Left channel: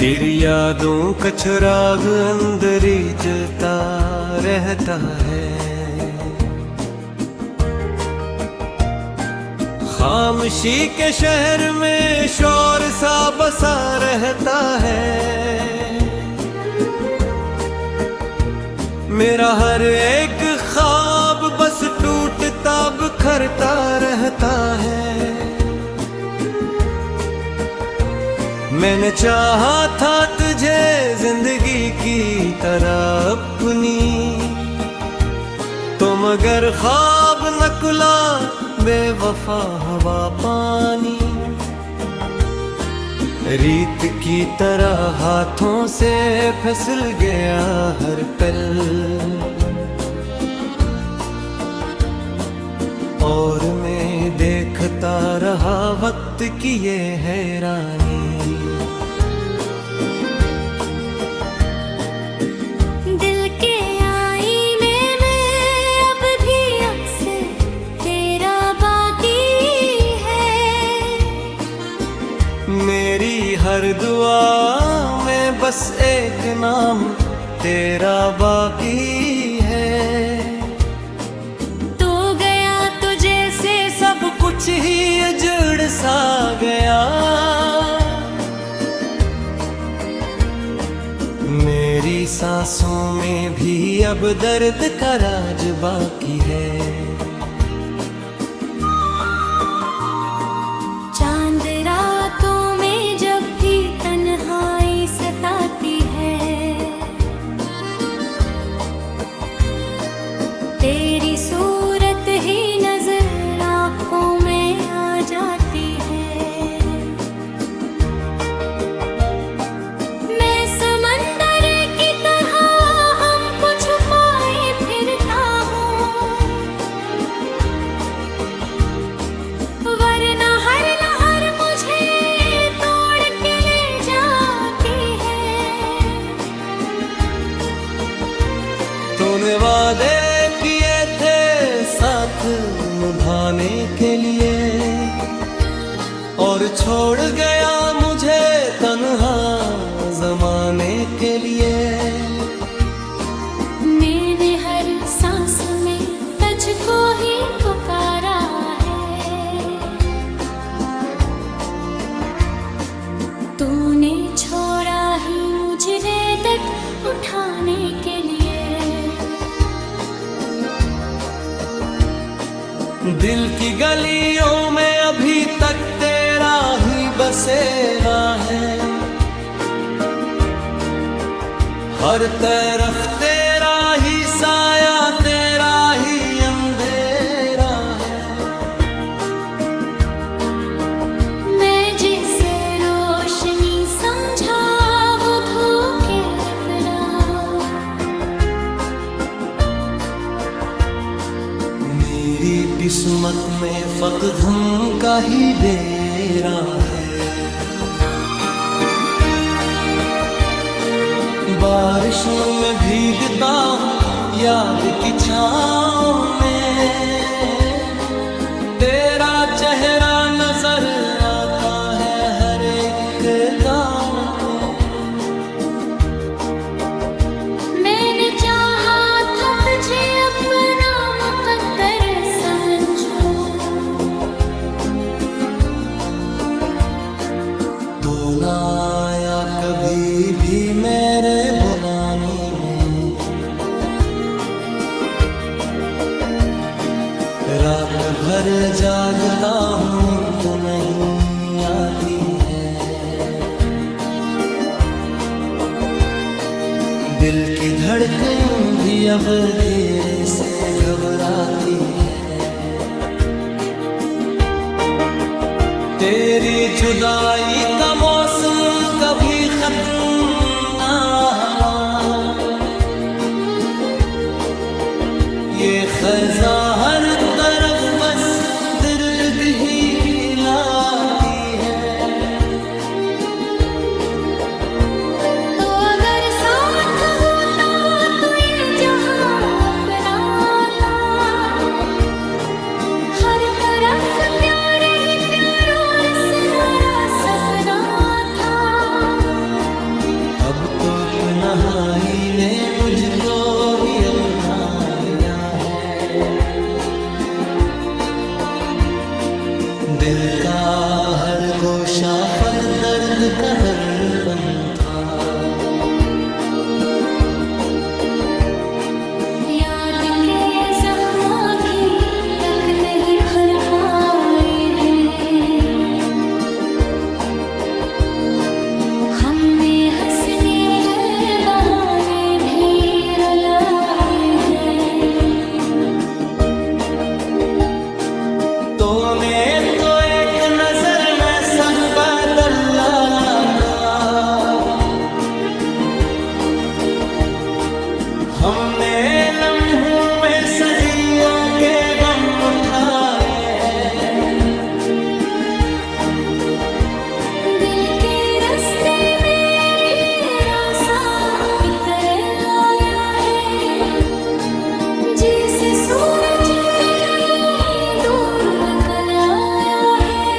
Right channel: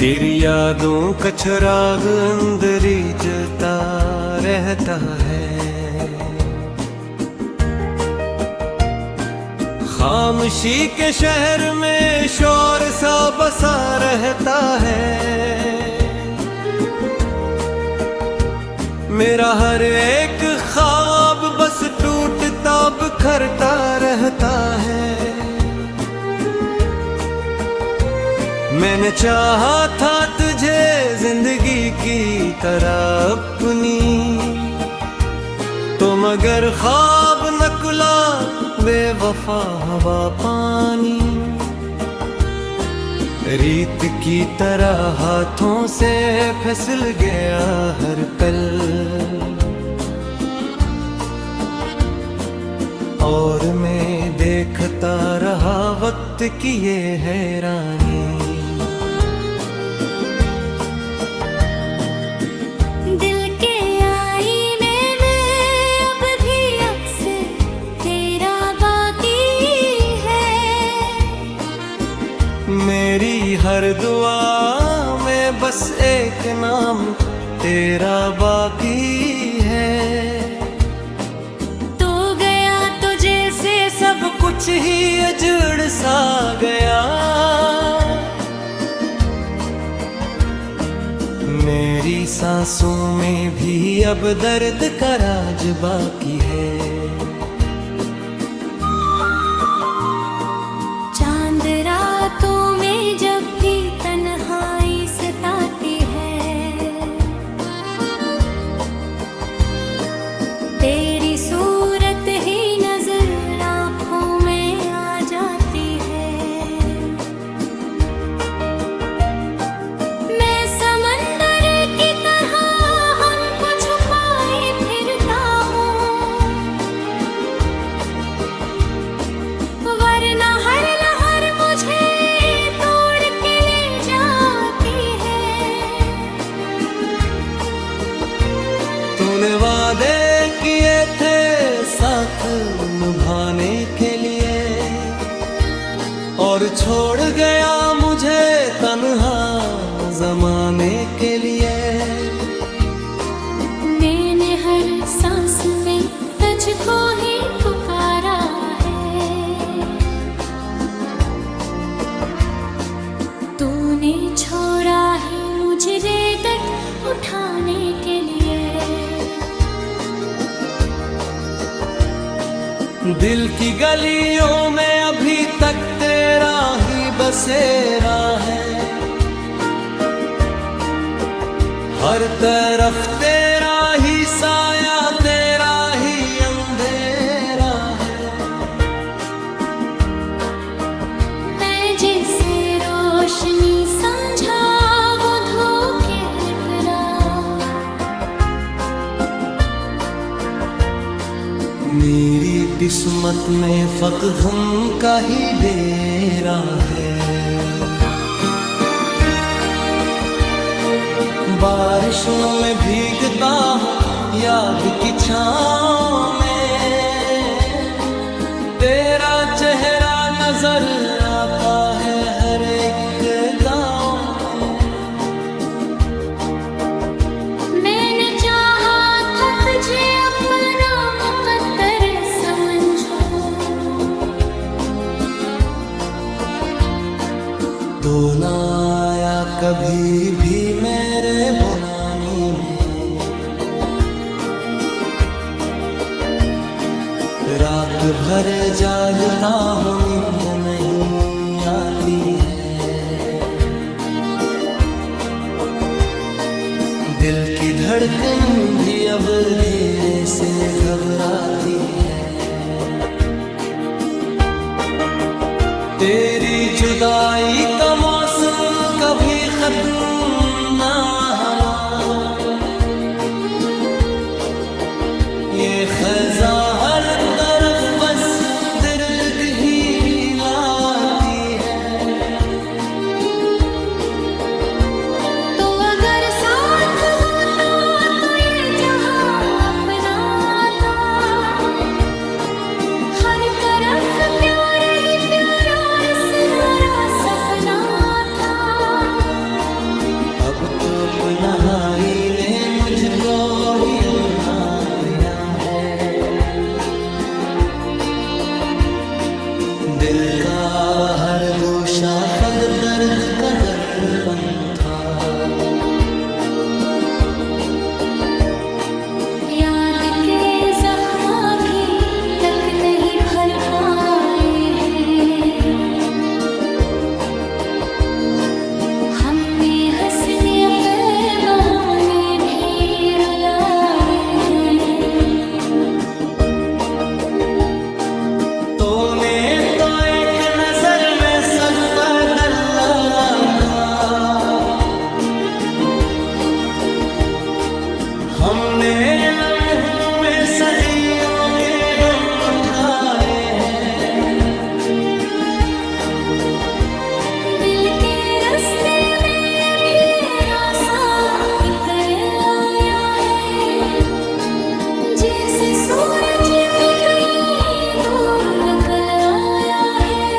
तेरी यादों का चिराग अंदर ही जलता रहता है। खामोशी के शहर में शोर सा बसा रहता है। मेरा हर एक ख्वाब बस टूटता बिखरता रहता है। मैंने चाहा था तुझे जिंदगी की तरह अपनी, तो मगर ख्वाब न खुला बेवफा हवा पानी। रीत की तरह हाथों से फिसल गया हर पल, और मैं देखता रहा वक्त की ये हैरानी। दिल के आईने में अब भी अक्सर तेरा बाकी है। मेरी हर दुआ में बस एक नाम तेरा बाकी है। सब कुछ ही अजड़ सा गया। मेरी सांसों में भी अब दर्द का राज बाकी है। चांद रातों में जब भी तन्हाई सताती है, तेरी सूरत ही नजर आँखों में आ जाती है। मैं समंदर की तरह हमको छुपाए फिरता हूँ, वरना हर लहर मुझे तोड़ के ले जाती है। तूने वादे किए थे साथ निभाने के लिए, और छोड़ गया मुझे तन्हा जमाने के लिए। मैंने हर सांस में तुझको ही पुकारा है, तूने छोड़ा ही मुझे रेत उठाने के लिए। दिल की गलियों में अभी तक तेरा ही बसेरा है। हर तरफ तेरा ही साया, तेरा ही अंधेरा है। मैं जिसे रोशनी समझा वो धोखे पिला। मेरी किस्मत में फकदम का ही डेरा है। बारिशों में भीगता हूँ याद की छाँव में, तेरा चेहरा नजर आता है हर एक गाँव में। मैंने चाहा था तुझे अपना मुकद्दर समझो, तो ना आया कभी भी मेरे बुलाने में। रात भर जागता हूँ नींद नहीं आती है। दिल की धड़कन भी अब धीरे से घबराती है। तेरी जुदाई का मौसम कभी खत्म ना होला। ये खज़ा हर तरफ बस दर्द ही लाती है। तो अगर साथ होता तो ये जहां अपना था। हर तरफ प्यार ही प्यार और सुनहरा सपना था। अब तो तन्हाई ने मुझको ही अपना लिया है। दिल का हर गोशा फग दर्द का दर्पण था। याद के जख्म भी तक नहीं भर पाए हैं। हमने हंसने पे बहाने भी रुलाए हैं। तूने तो एक नजर में सब बदल लाखा। हमने लम्हों में सदियों के गम उठाए हैं। दिल के रास्ते में भी रासा इतर आया है। जैसे सूरज भी कहीं दूर निकल आया है।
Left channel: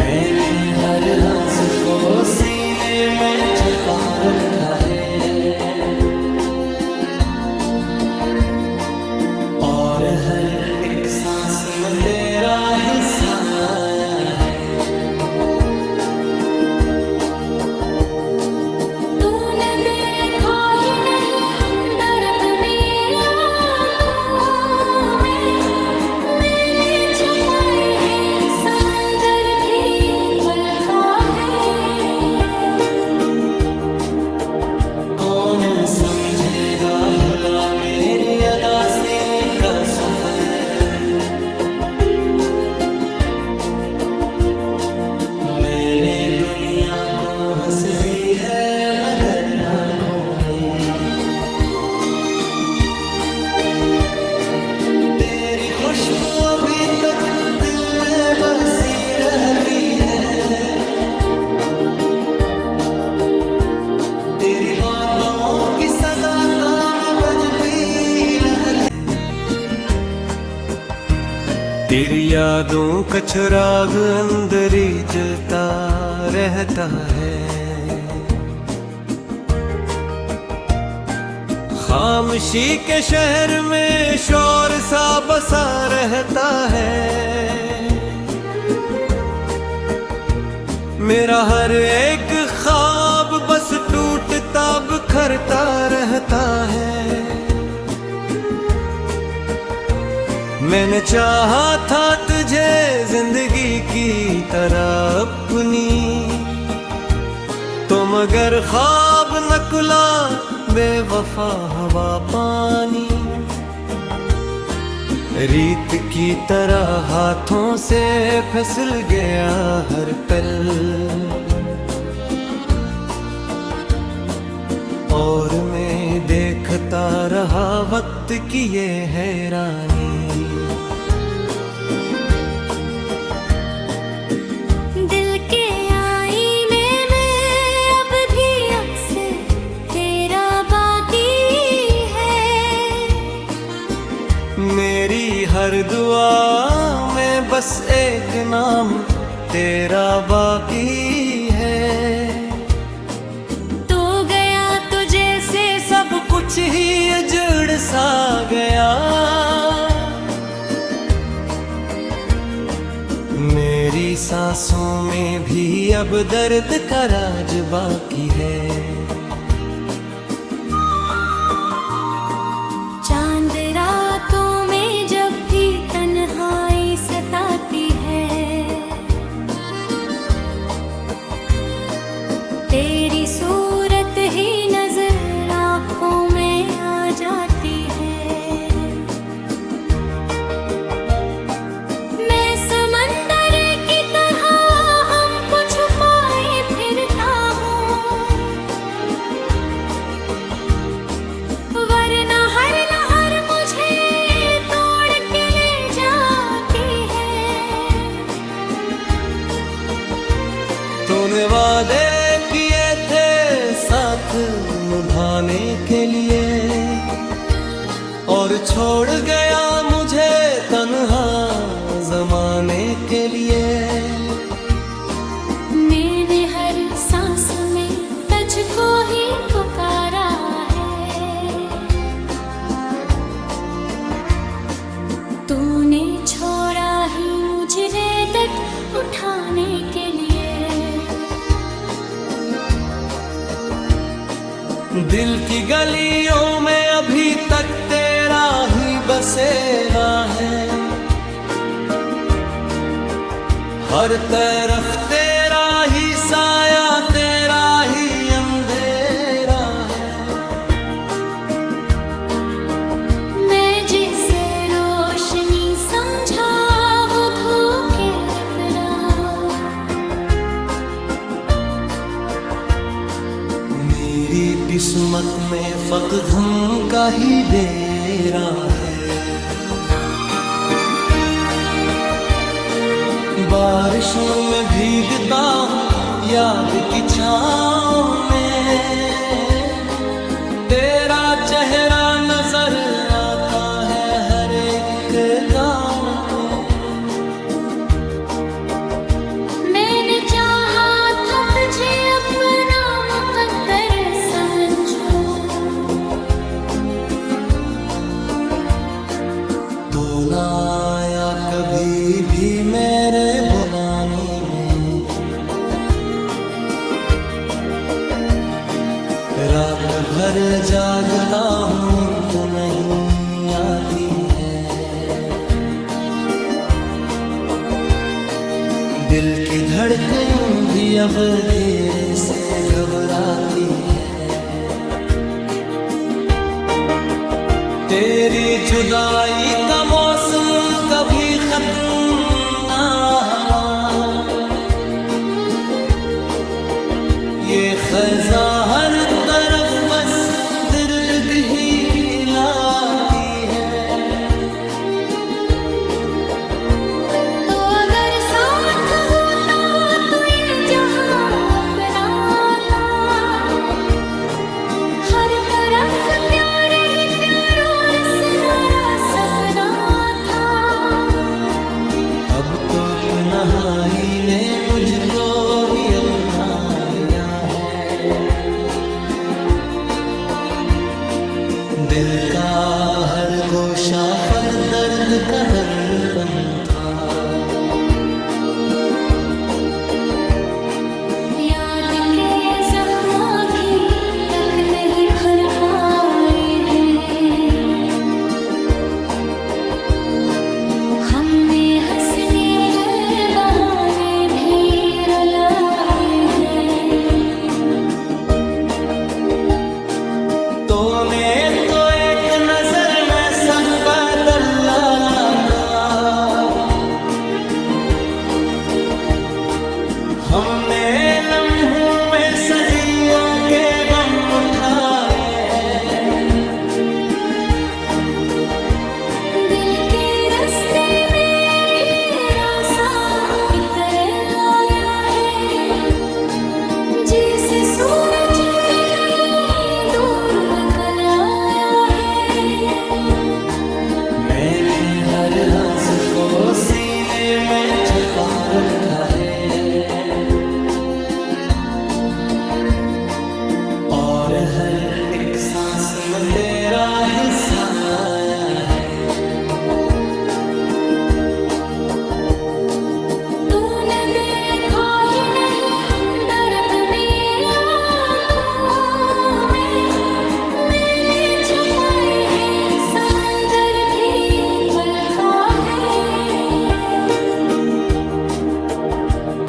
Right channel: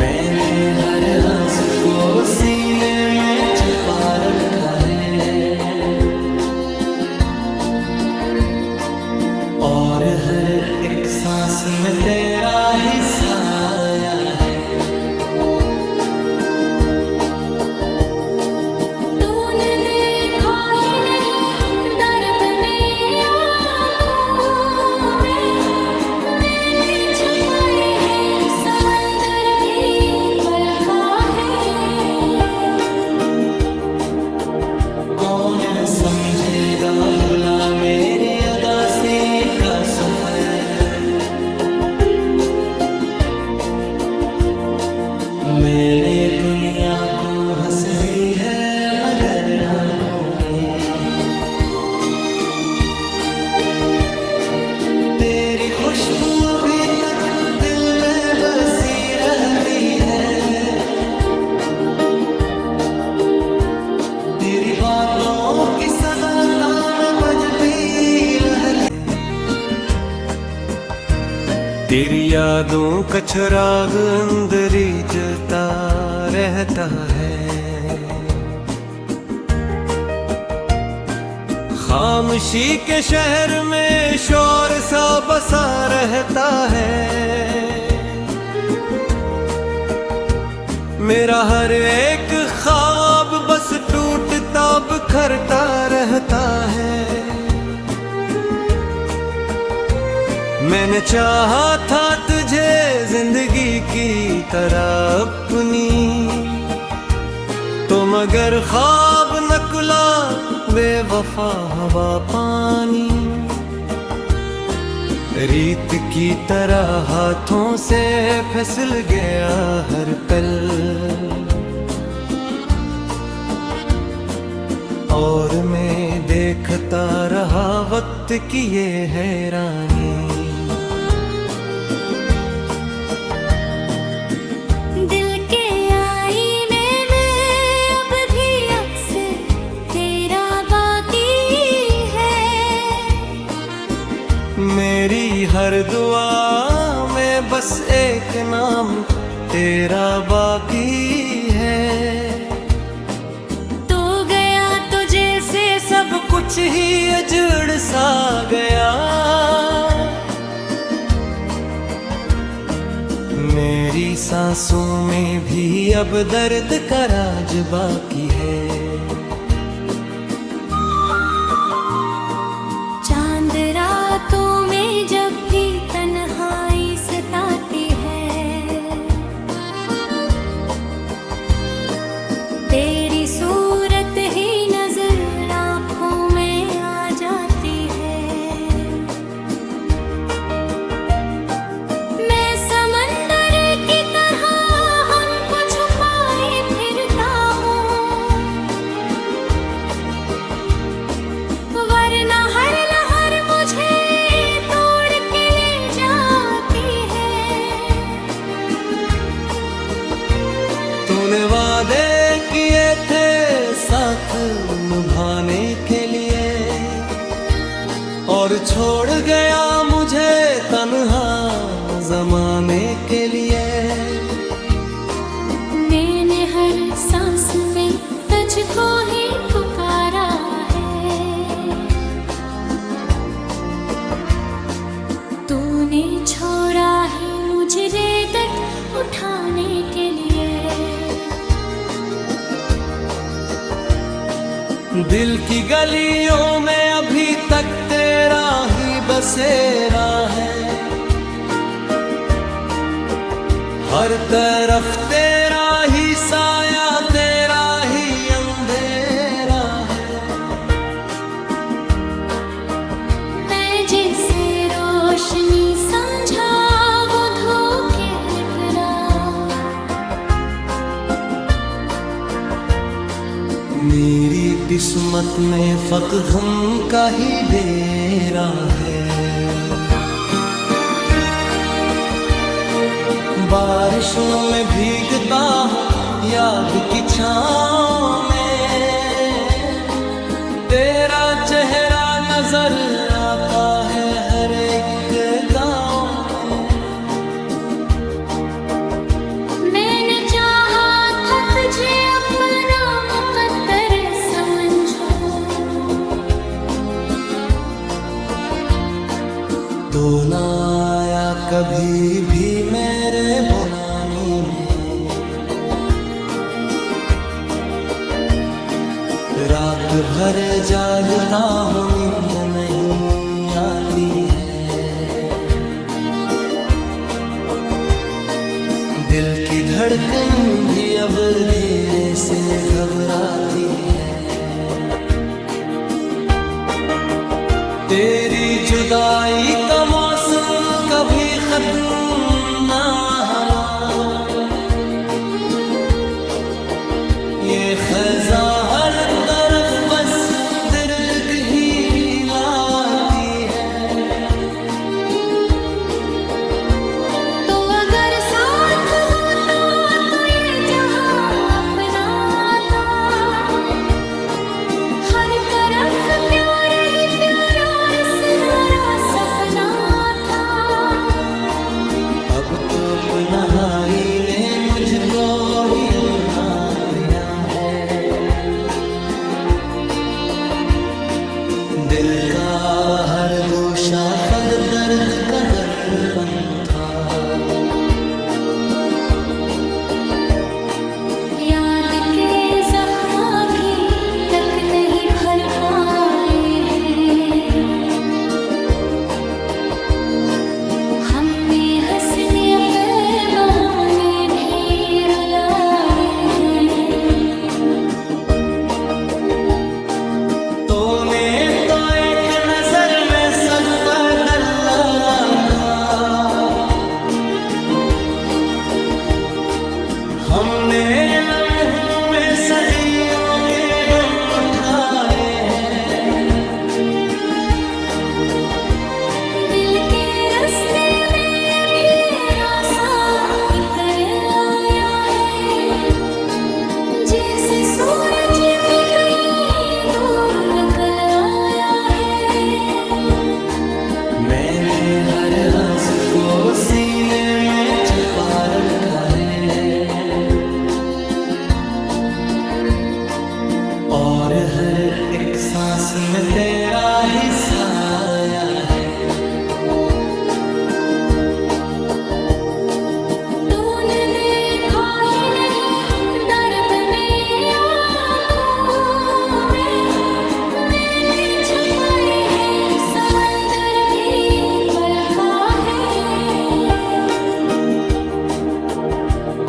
मैंने हर आस को सीने में छपा रखा है। और हर एक सांस में तेरा ही साया है। तूने देखा ही नहीं दर्द में आँखों में। मैंने छुपाए हैं समंदर भी पलका है। कौन समझेगा भुला मेरी अदासी का सफर। मैंने दुनिया को हंस दी है मगर आँखों में। तेरी खुशबू अभी तक दिल में बसी रहती है। तेरी बातों की सदा का मैं बजती रहती। तेरी यादों का चिराग अंदर ही जलता रहता है। खामोशी के शहर में शोर सा बसा रहता है। मेरा हर एक ख्वाब बस टूटता बिखरता रहता है। मैंने चाहा था तुझे जिंदगी की तरह अपनी, तो मगर ख्वाब नकुला बेवफा हवा पानी। रीत की तरह हाथों से फिसल गया हर पल, और मैं देखता रहा वक्त की ये हैरानी। दिल के आईने में अब भी अक्स तेरा बाकी है। मेरी हर दुआ में बस एक नाम तेरा बाकी है। तू गया तो जैसे सब कुछ ही उजड़ सा गया। मेरी सांसों में भी अब दर्द का राज बाकी है। चांद रातों में जब भी तन्हाई सताती है, तेरी सूरत ही नजर आँखों में आ जाती है। मैं समंदर की तरह हमको छुपाए फिरता हूँ, वरना हर लहर मुझे तोड़ के ले जाती है। तूने वादे किए थे साथ निभाने के लिए, और छोड़ गया मुझे तन्हा जमाने के लिए। मैंने हर सांस में उठाने के लिए। दिल की गलियों में अभी तक तेरा ही बसेरा है, हर तरफ तेरा ही साया, तेरा ही अंधेरा है। मैं जिसे रोशनी समझा वो धोखे पिरा। मेरी किस्मत में फकदम का ही डेरा है। बारिशों में भीगता हूँ याद की छाँव में, तेरा चेहरा नजर आता है हर एक गाँव में। मैंने चाहा था तुझे अपना मुकद्दर समझो, तो ना आया कभी भी मेरे बुलाने में। रात भर जागता हूँ नींद नहीं आती है, दिल की धड़कन भी अब धीरे से घबराती है। तेरी जुदाई का मौसम कभी खत्म ना होला, ये खज़ा हर तरफ बस दर्द ही लाती है। तो अगर साथ होता तो ये जहां अपना था, हर तरफ प्यार ही प्यार और सुनहरा सपना था। अब तो अपनाई ने मुझको ही अपना लिया है, दिल का हर गोशा फग दर्द का दर्पण था। याद के जख्म भी तक नहीं भर पाए हैं, हमने हंसने पे बहाने भी रुलाए हैं। तूने तो एक नजर में सब बदल डाला था, हमने लम्हों में सदियों के गम उठाए हैं। दिल के रास्ते में भी रास्ता इतर आया है, जैसे सूरज भी कहीं दूर निकल आया है। मैंने हर आस को सीने में छपा रखा है, और हर एक सांस में तेरा ही साया है। तूने देखा ही नहीं दर्द में आँखों में, मैंने छुपाए हैं समंदर भी कलका है।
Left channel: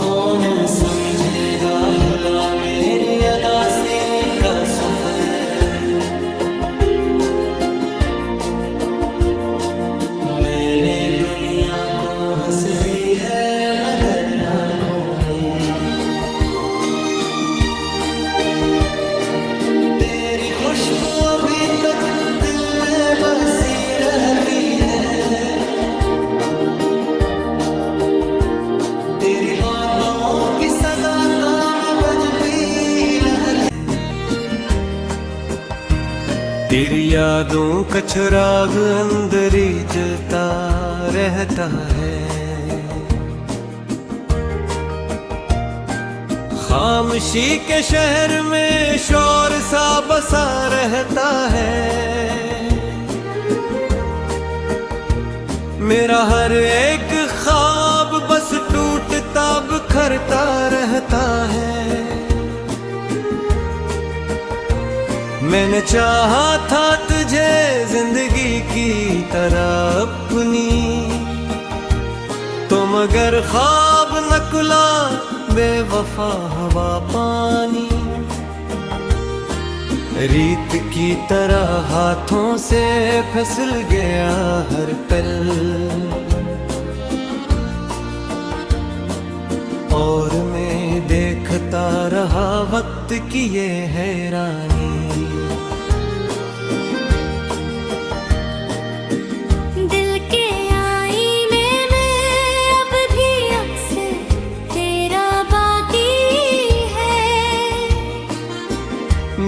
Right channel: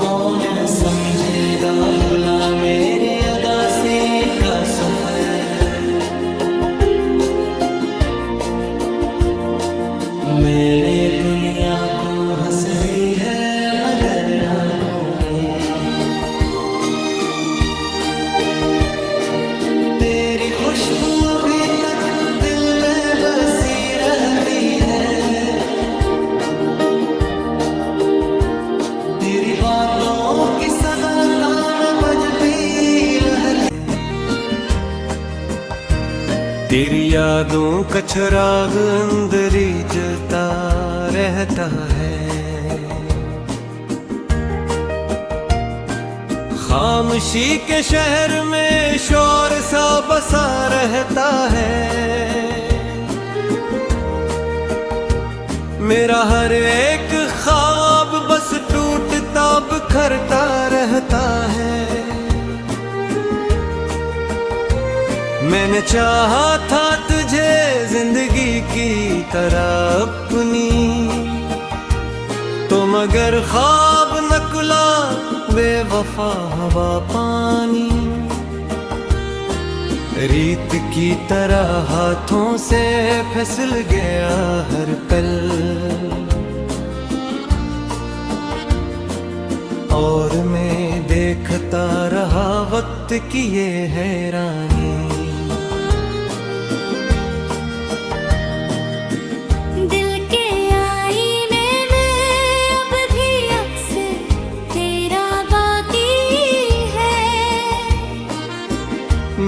कौन समझेगा भुला मेरी अदासी का सफर, मैंने दुनिया को हंस दी है मगर आँखों में। तेरी खुशबू अभी तक दिल में बसी रहती है, तेरी बातों की सदा का मैं बजती रहती। तेरी यादों का चिराग अंदर ही जलता रहता है, खामोशी के शहर में शोर सा बसा रहता है। मेरा हर एक ख्वाब बस टूटता करता रहता है। मैंने चाहा था तुझे जिंदगी की तरह अपनी, तो मगर ख्वाब नकुला बेवफा हवा पानी। रीत की तरह हाथों से फिसल गया हर पल, और मैं देखता रहा वक्त की ये हैरानी। दिल के आईने में अब भी अक्सर तेरा बाकी है।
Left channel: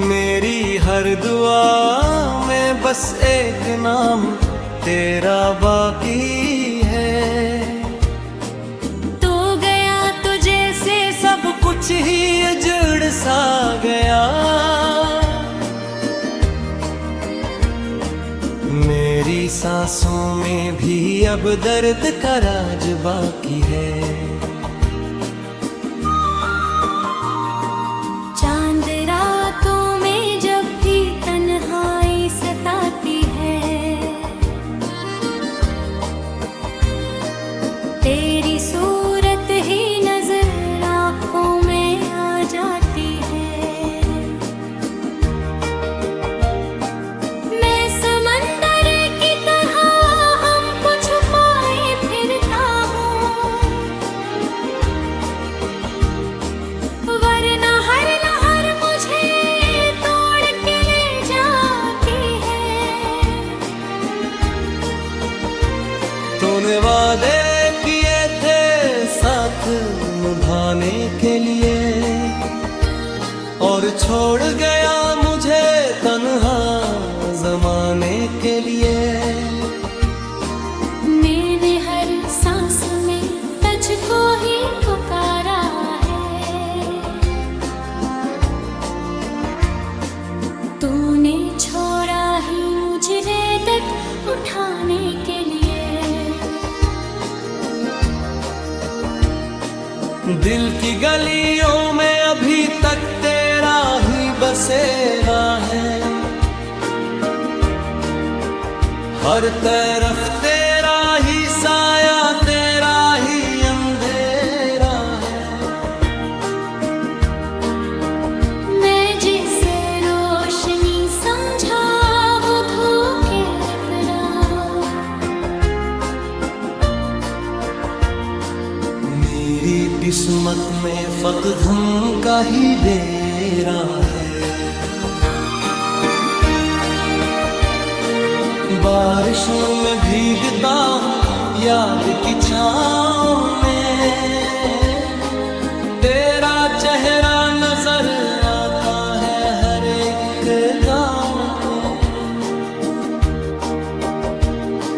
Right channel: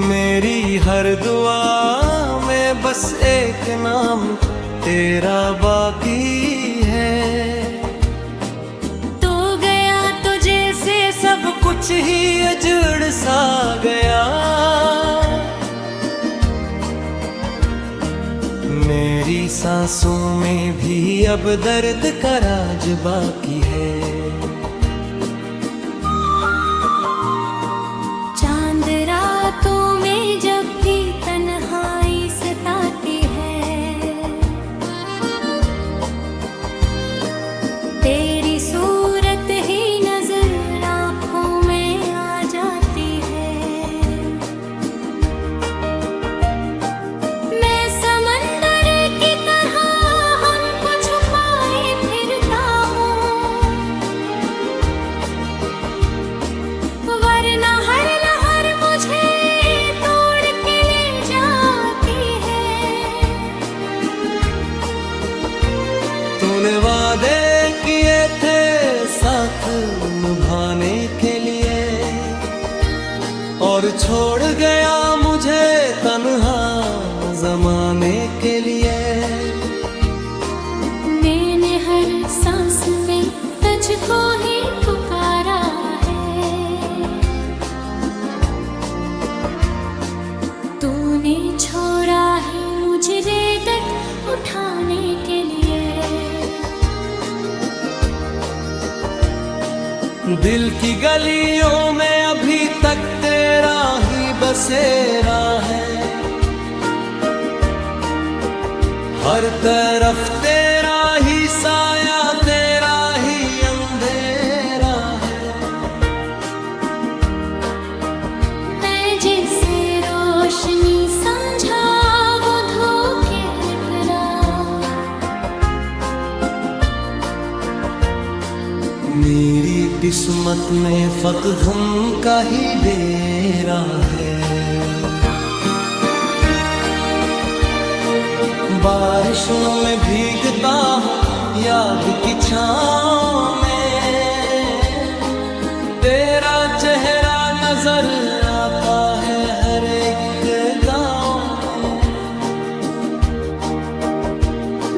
मेरी हर दुआ में बस एक नाम तेरा बाकी है। सब कुछ ही अजड़ सा गया, मेरी सांसों में भी अब दर्द का राज बाकी है। चांद रातों में जब भी तन्हाई सताती है, तेरी सूरत ही नजर आँखों में आ जाती है। मैं समंदर की तरह हमको छुपाए फिरता हूँ, वरना हर लहर मुझे तोड़ के ले जाती है। तूने वादे किए थे साथ निभाने के लिए, और छोड़ गया मुझे तन्हा जमाने के लिए। मैंने हर सांस में तुझको ही पुकारा है, तूने छोड़ा ही मुझे रेत उठाने के लिए। दिल की गलियों में अभी तक तेरा ही बसेरा है, हर तरफ तेरा ही साया तेरा ही अंधेरा है। मैं जिसे रोशनी समझा वो धूप पिरा, मेरी किस्मत में फकदम का ही डेरा है। बारिशों में भीगता हूँ याद की छाँव में, तेरा चेहरा नजर आता है हर एक गाँव में।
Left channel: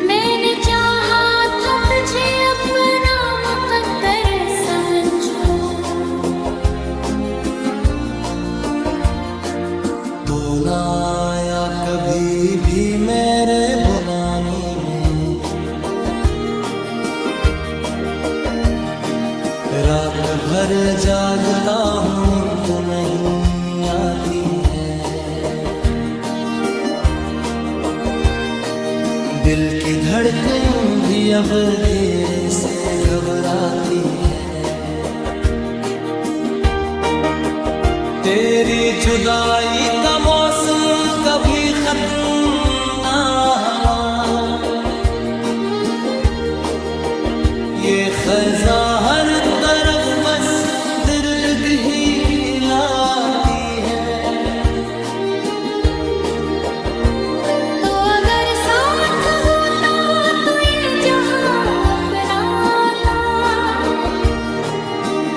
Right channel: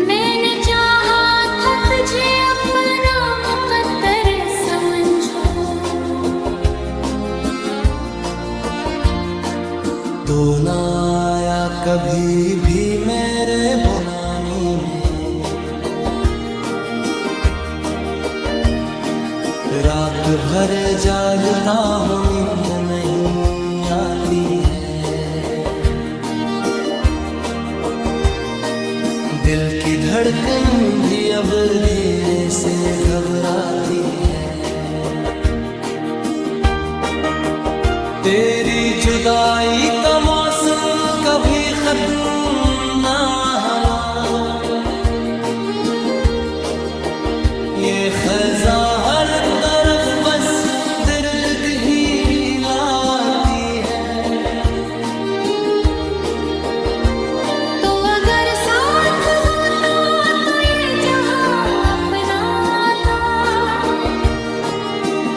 मैंने चाहा था तुझे अपना मुकद्दर समझो, तो ना आया कभी भी मेरे बुलाने में। रात भर जागता हूँ नींद नहीं आती है, दिल की धड़कन भी अब धीरे से घबराती है। तेरी जुदाई का मौसम कभी खत्म ना होला, ये खज़ा हर तरफ बस दर्द ही लाती है। तो अगर साथ होता तो ये जहां अपना था,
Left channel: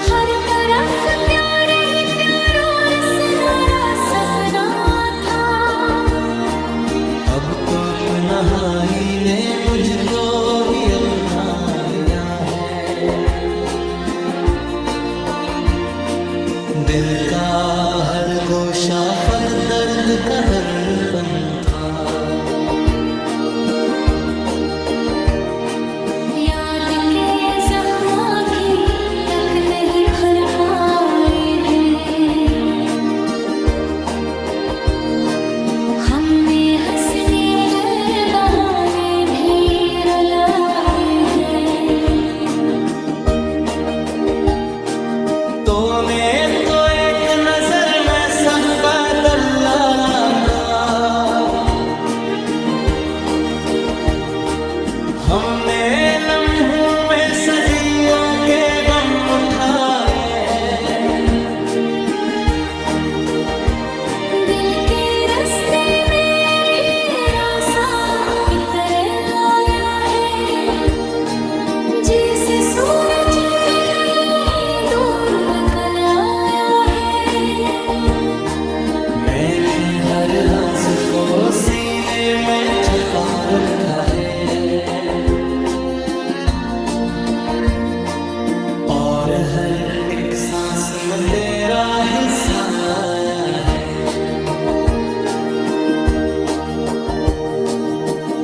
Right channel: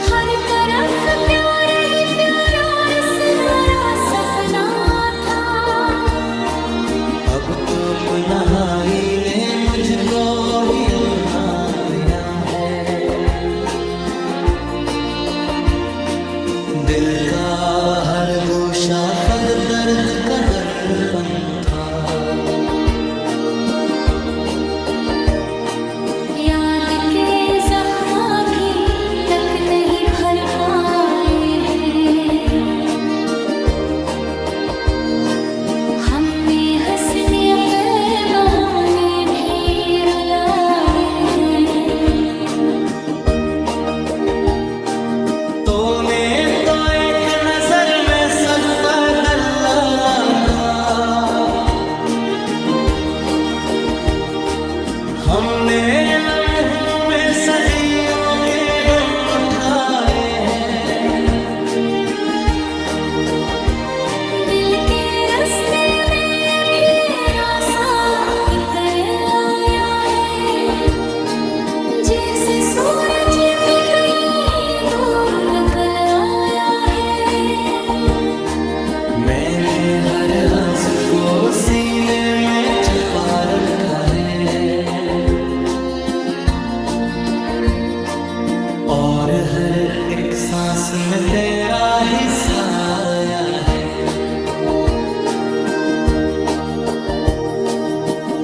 हर तरफ प्यार ही प्यार और सुनहरा सपना था। अब तो तन्हाई ने मुझको ही अपना लिया है, दिल का हर गोशा फग दर्द का दर्पण था। याद के जख्म भी तक तक नहीं भर पाए हैं। हमने हंसने पे बहाने भी रुलाए हैं। तूने तो एक नजर में सब बदल डाला था। हमने लम्हों में सदियों के गम उठाए हैं। दिल के रास्ते में भी रासा इतर आया है, जैसे सूरज भी कहीं दूर निकल आया है। मैंने हर आस को सीने में छपा रखा है, और हर एक सांस में तेरा ही साया है।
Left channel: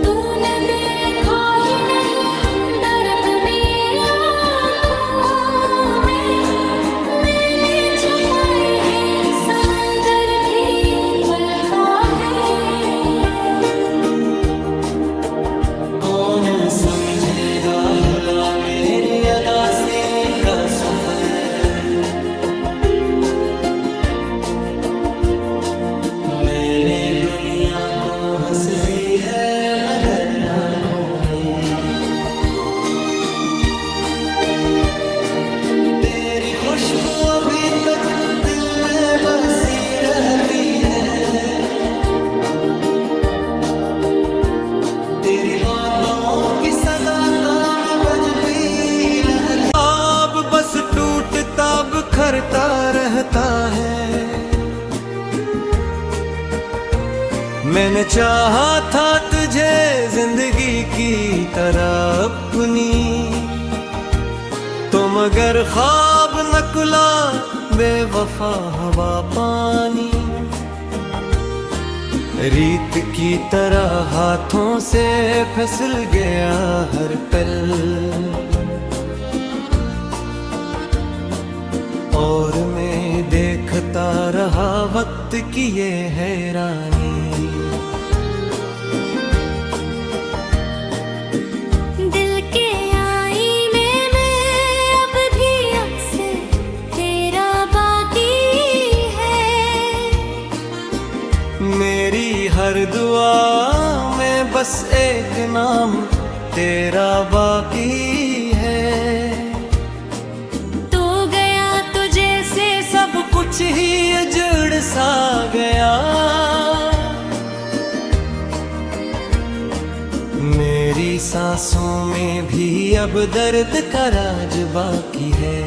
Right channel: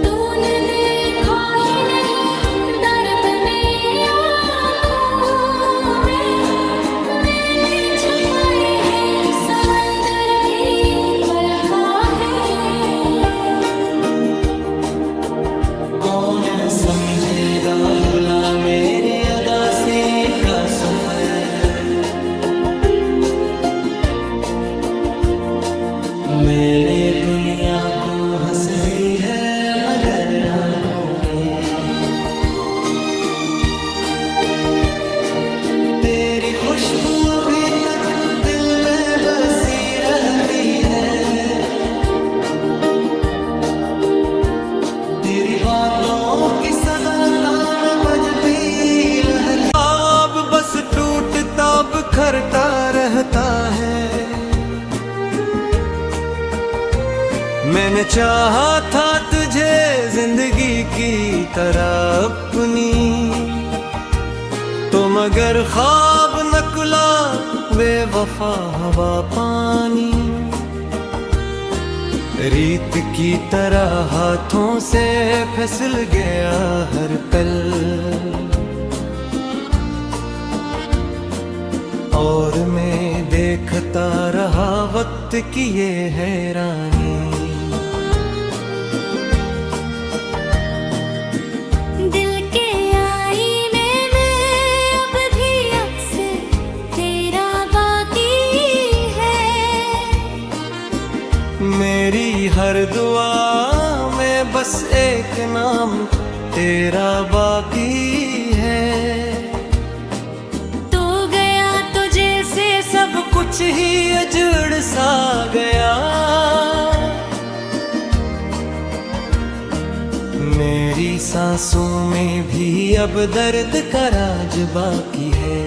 तूने देखा ही नहीं दर्द में आँखों में, मैंने छुपाए हैं समंदर भी पलका है। कौन समझेगा भुला मेरी अदासी का सफर। मैंने दुनिया को हंस दी है मगर आँखों में। तेरी खुशबू अभी तक दिल में बसी रहती है। तेरी बातों की सदा का में बजती रहती। अब बस टूटता बिखरता रहता है। मैंने चाहा था तुझे जिंदगी की तरह अपनी, तो मगर ख्वाब नकुला बेवफा हवा पानी। रीत की तरह हाथों से फिसल गया हर पल, और मैं देखता रहा वक्त की ये हैरानी। दिल के आईने में अब भी अक्स तेरा बाकी है। मेरी हर दुआ में बस एक नाम तेरा बाकी है। तू गया तो जैसे सब कुछ ही उजड़ सा गया। मेरी सांसों में भी अब दर्द का राज बाकी है।